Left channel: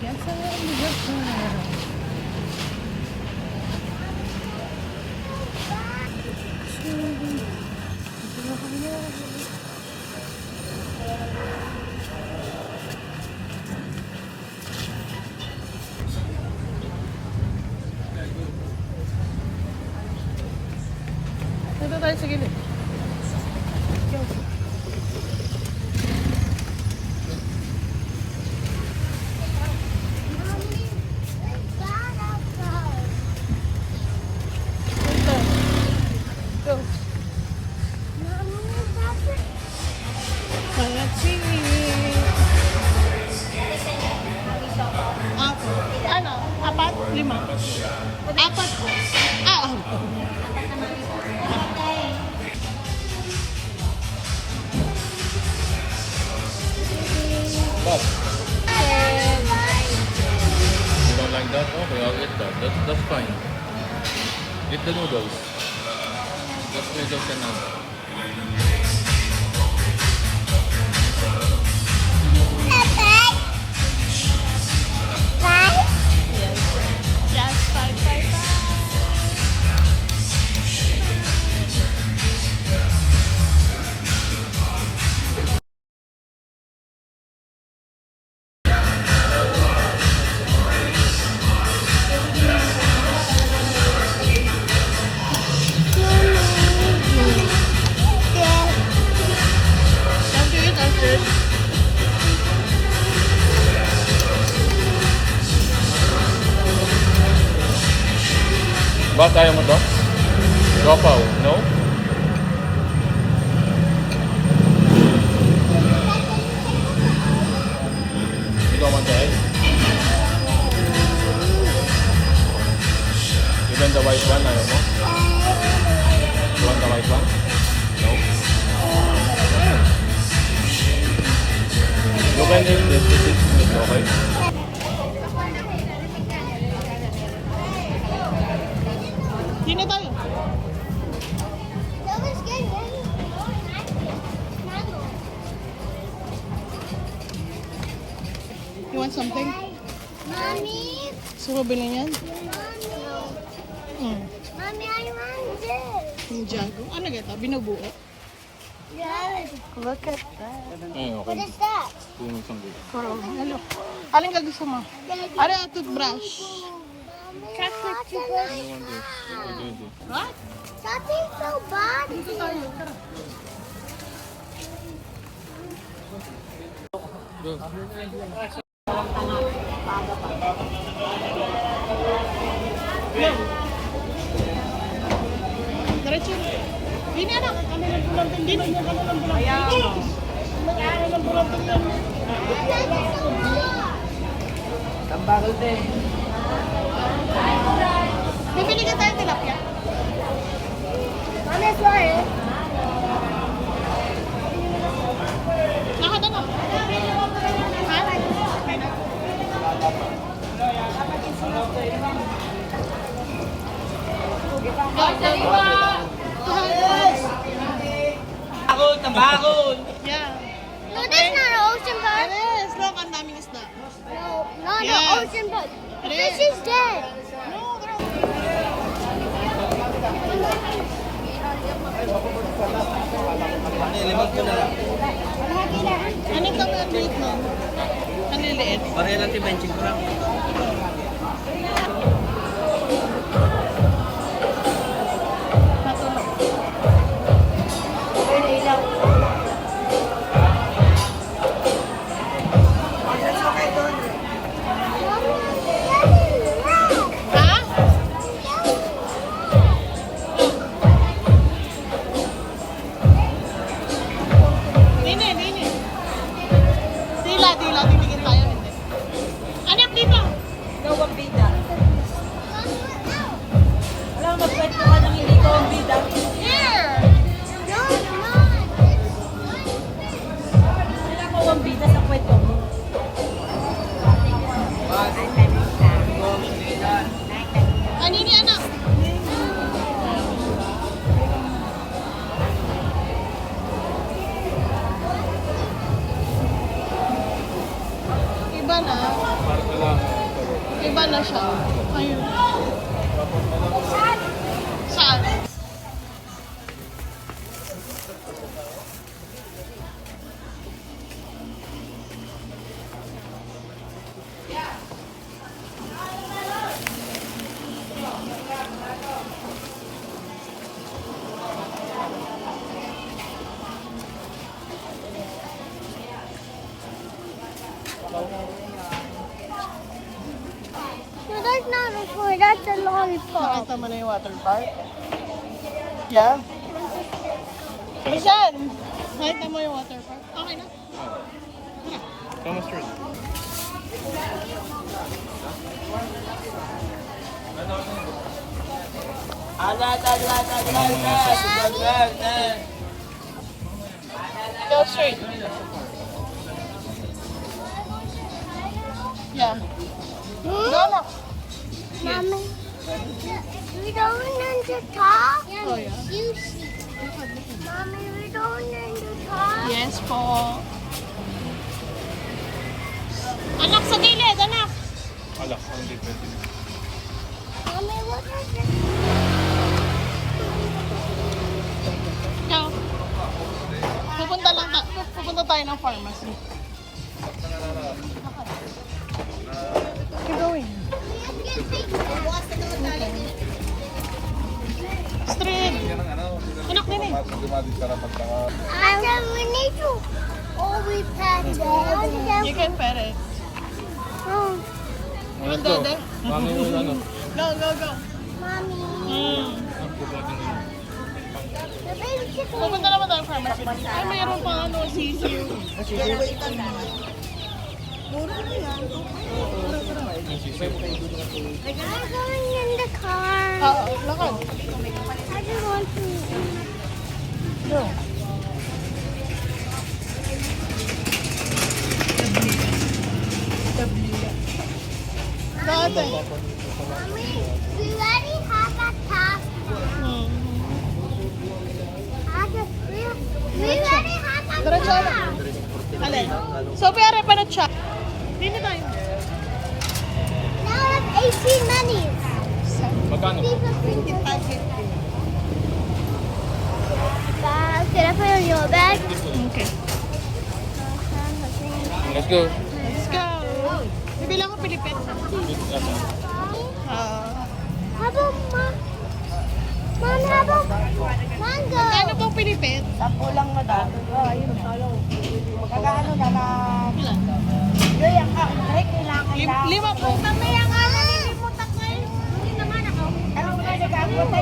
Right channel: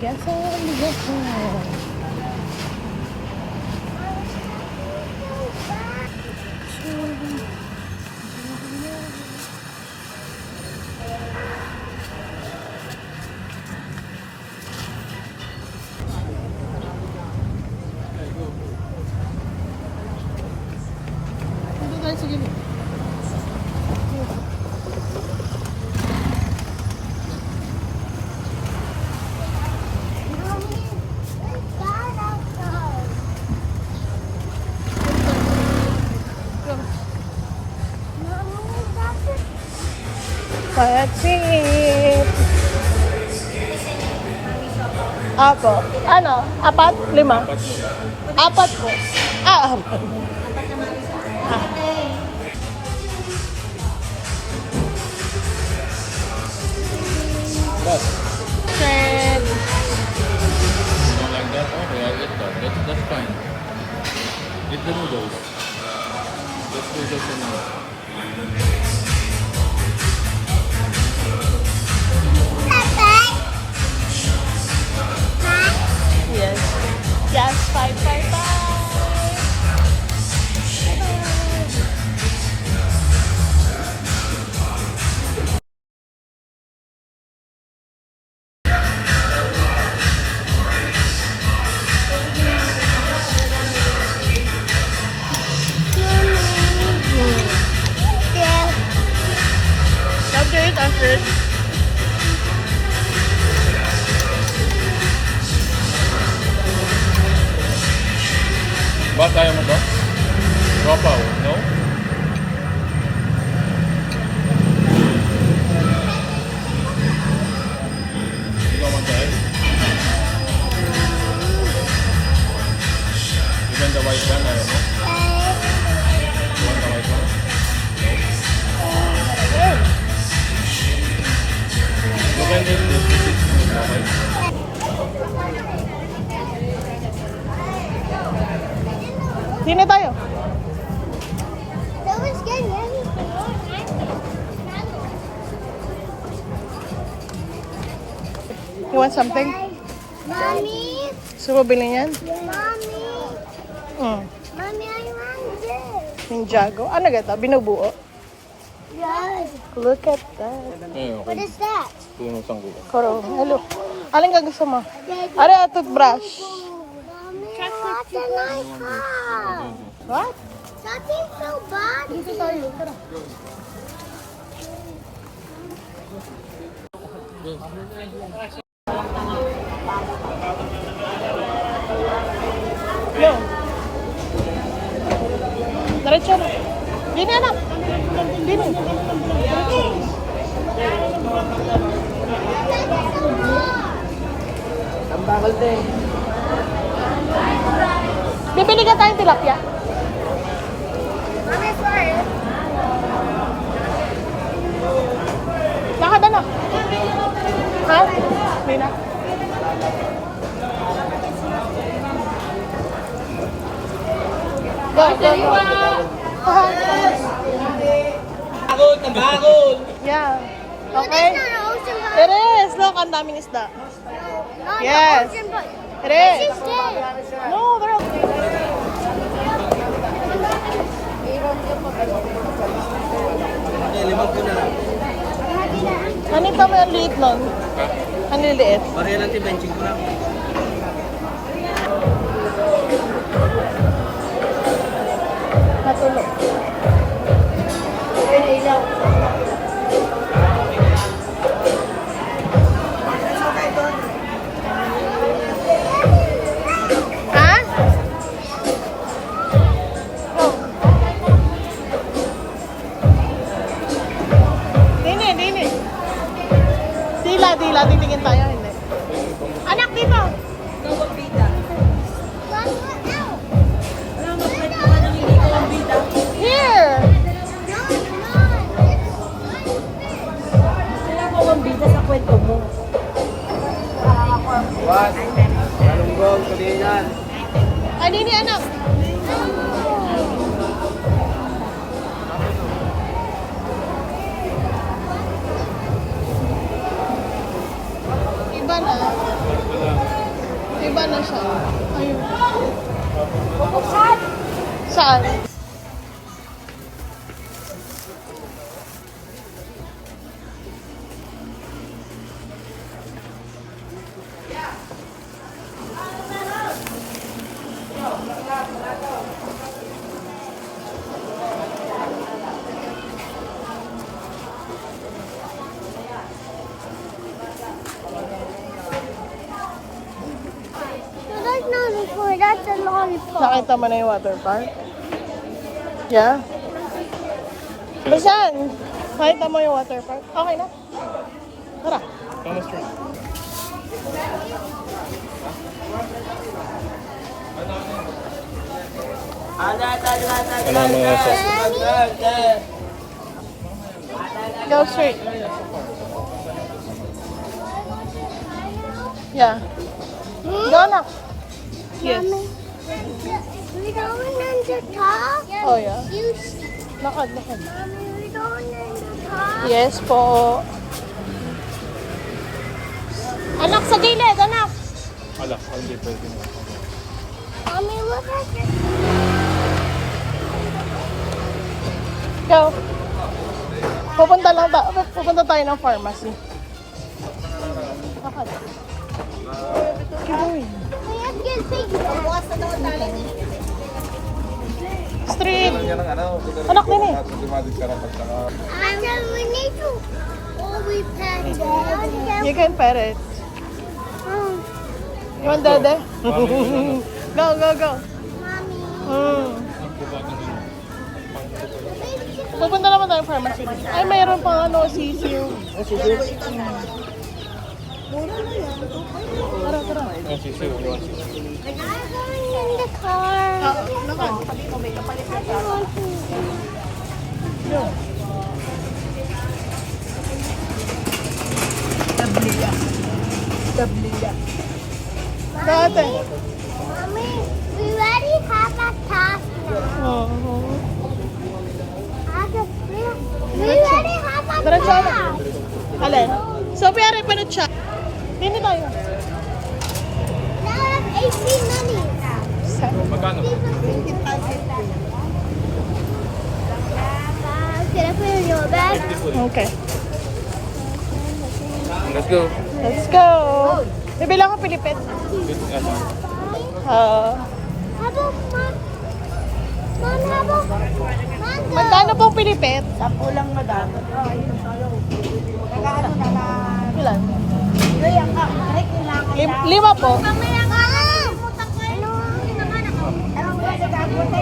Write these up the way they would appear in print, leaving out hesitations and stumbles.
Bigasan, bigasan. Dito tayo sa gilid. Payat-singit. Apo. Ano? Apat? Lima? Apat po. Apat. Don't like that? Okay, I'll eat that. That's fine. Eat the noodles. Just noodles and now. Yes. Just 555. After it, after it. Ba't ayaw mo to? Gopaw, no? You don't want the egg? Even the white one, ayaw mo? You want the white one? No? You can eat this. This is meat, okay? Sino tayo? You want something? Mommy, Gusto mo bilhin yan? mommy, mommy, I want this. Ninjago. Ano gata? Binubuo? Yes. Look at that. What is that? Tingin mo isang gulo. Koro. Hello. Alin ka gusto mo? Are, toothbrush. Mommy, that's a nice car. What? Something so bad. Dito tayo. Tara. Yo. Diretso na. Dini anak. Dini. Tambagal te. Bibili ka tayong tilapia. Mommy, sorry. Lakad ano? Ha? Okay na. Go, go, go. Bakod, tambakod. Yeah. No, that's not an ocean bird. It is. Look, ang daming isda. No, Yes. the ocean bird. It is. She's dead. No, they're Limag ko na lang. Ano pa may liit nun? Ano yung liit? Pareha lang benching ko lang. Natuloy. Ha? Oh. Dini, dini. Dila, dila. Titingin tayo. Hindi. Anak, dito. Ikaw ang bida. Wala, magkwento ka nang hindi ikaw ang bida. Here. Wala ikaw ang bida sa kwento mo. Ano ni anak? Iba na. na siya. Ayun. Saan? So that's not a toy, that's a lollipop. Nakita mo na yung water park? Yeah. Basan? Nakita mo yung water park? Okay na. Tara. Almost free. Ano mga sauce? Go straight. Yeah. Go na. Yes. Mommy, we don't in the top. Oh, yeah. You see. Lakad, lakad. Mommy, we don't in the top. Yes po. Anak, sa gilid, anak. Wala, hindi pwede. Mommy, look at Go. Pupunta tayo ng pharmacy. Lakad. Keep going. Let's get piggy. Street. Yan ang ano, Anak din eh. dumadig ka na pagkaka. And we need to always pet it. You can pet it. Oh, You want dede? Mami, ano? Go, go, go. Mommy. Mm. The baby chicken. Pupunta naman tayo ng pharmacy. Ay, mayroon pa ano, sisiyo. Mura na yan. I'm going in the car. Lakad. I just want to. Go. Go, ate. Mommy, we already have that task now. Oo. We already have that Diretso na. task. Alin? Sophie, are pa na siya. Hindi tayo. Now I have 18 minutes. Magkano? Can I put it in your bag? Okay. Let's go. Let's go. Bibilang ko Pilipit. How about man? Man, how about mango? Magkano pong Pilipit? Sampo lang na dapat. Ilan? Lima po. Mamaya ka na nilimutan ko yun. Ano ba sa bago? Ano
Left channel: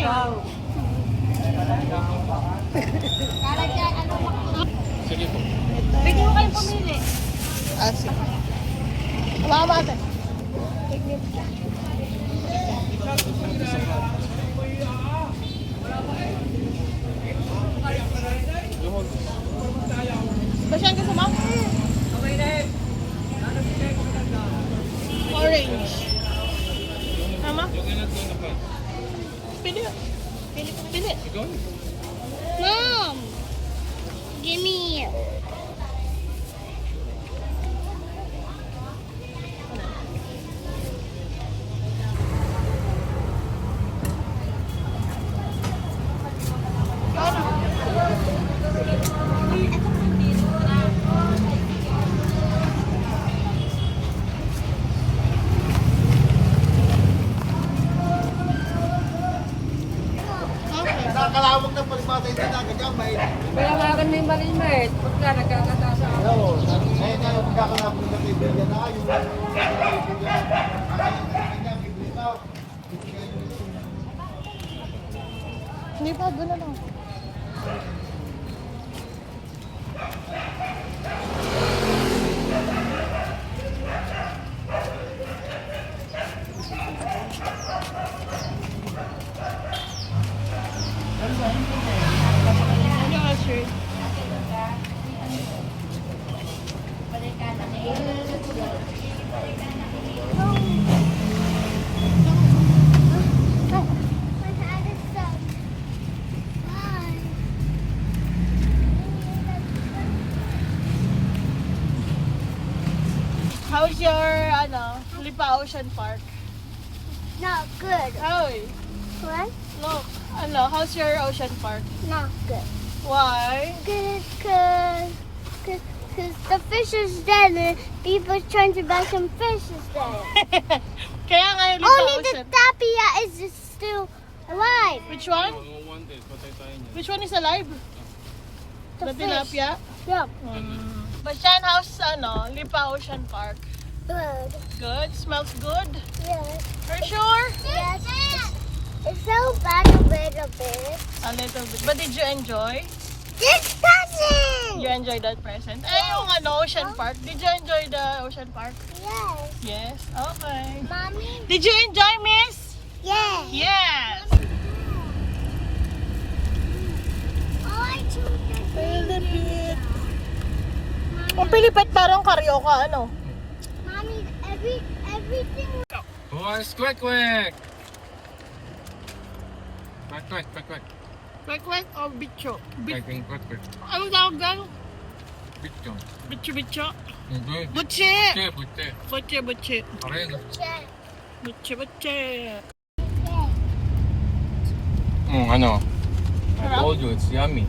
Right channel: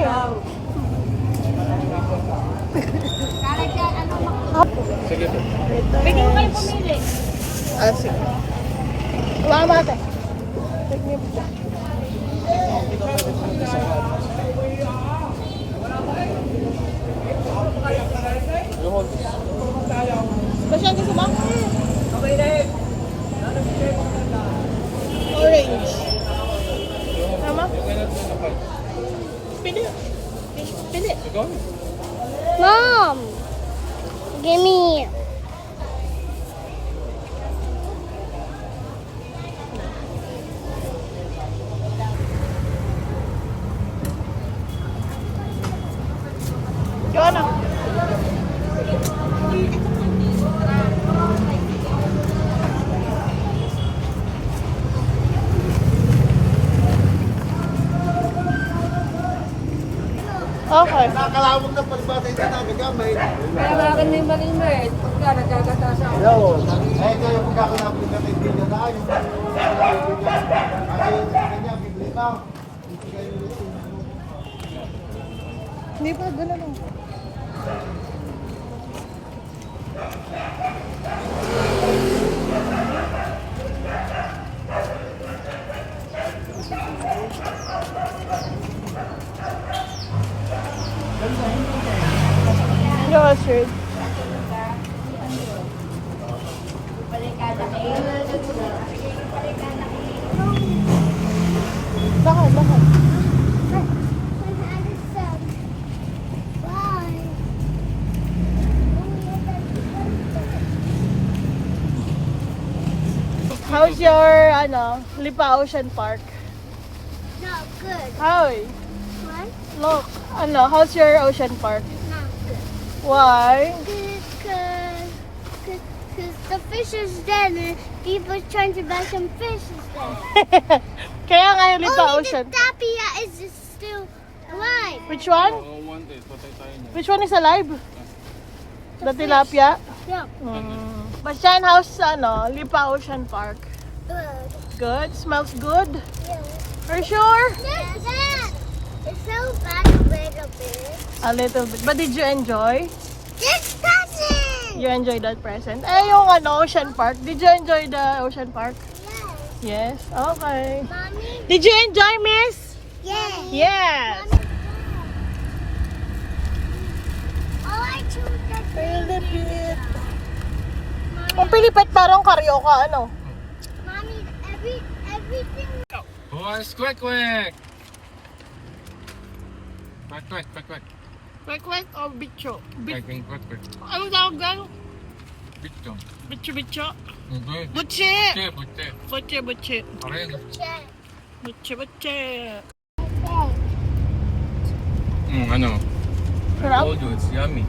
yun? Sige po. Bigyan mo kayo pumili. Ah, sige. Wala ka mate. You hold this. Basyan gusto mo? Orange. Tama? You cannot do the fight. Pili. Pili. You go. Mom, give me. Go na. Okay. Nakakalawag na palibatay na nagagamay. Kaya akin may malimit. Pagka nagkakataas ako. Hello. Eh, ito yung pagkakalapit na kaibigan na kayo. Kasi sa kanya, bibili pa. Ibigay mo ito. Hindi pa, gano'n lang. Go, sir. Lakad, lakad. When I just fell. Bye. How How's your, Lipa Ocean Park? Not good. Hi. What? Look, how's your ocean park? Not good. Why? Good, cause the fish is dead and people trying to buy some fish instead. Kaya nga yung Lipa Only the Ocean. tapia is still alive. Which one? Which one is alive? The fish. tilapia? Yeah. Bashan, how's, Lipa Ocean Park? Good. Good? Smells good? Yeah. For sure? Yes. It's so bad a little bit. A little bit. But did you enjoy? This cousin. You enjoyed that present? Eh, yung Ocean Park. Did you enjoy the Ocean Park? Yes. Yes? Okay. Mommy. Did you enjoy, miss? Yes. Yes! Oh, I choose the Pilipit. Ang Pilipit parang karyoka, Mommy, everything. Boys, quick, quick! Quick. Kwek-kwek o bicho? Quick. Ano tawag gan? Bitchon. Bicho-bicho? Hindi. Butche! Butte. Butche-butche. Pareho. Check. Butche-butche. I told you, it's yummy.